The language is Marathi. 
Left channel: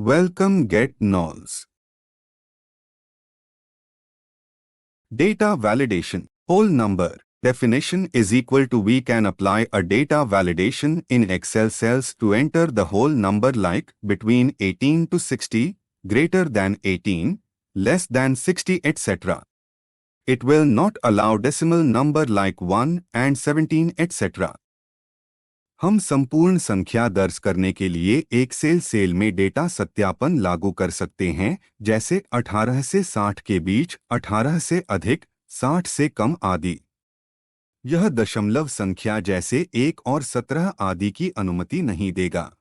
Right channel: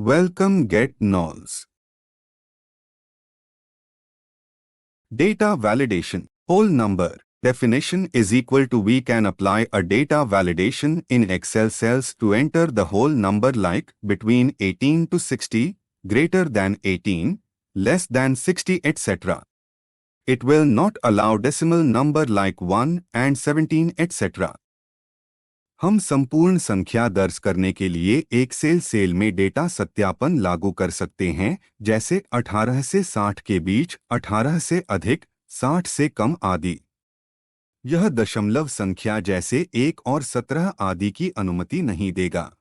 Welcome Get Nulls. Data validation. Whole number. Definition is equal to we can apply a data validation in Excel cells to enter the whole number like between 18 to 60, greater than 18, less than 60 etc. It will not allow decimal number like 1 and 17 etc. हम संपूर्ण संख्या दर्ज करने के लिए एक्सेल सेल में डेटा सत्यापन लागू कर सकते हैं, जैसे 18 से 60 के बीच, 18 से अधिक, 60 से कम आदि। यह दशमलव संख्या जैसे 1 और 17 आदि की अनुमति नहीं देगा।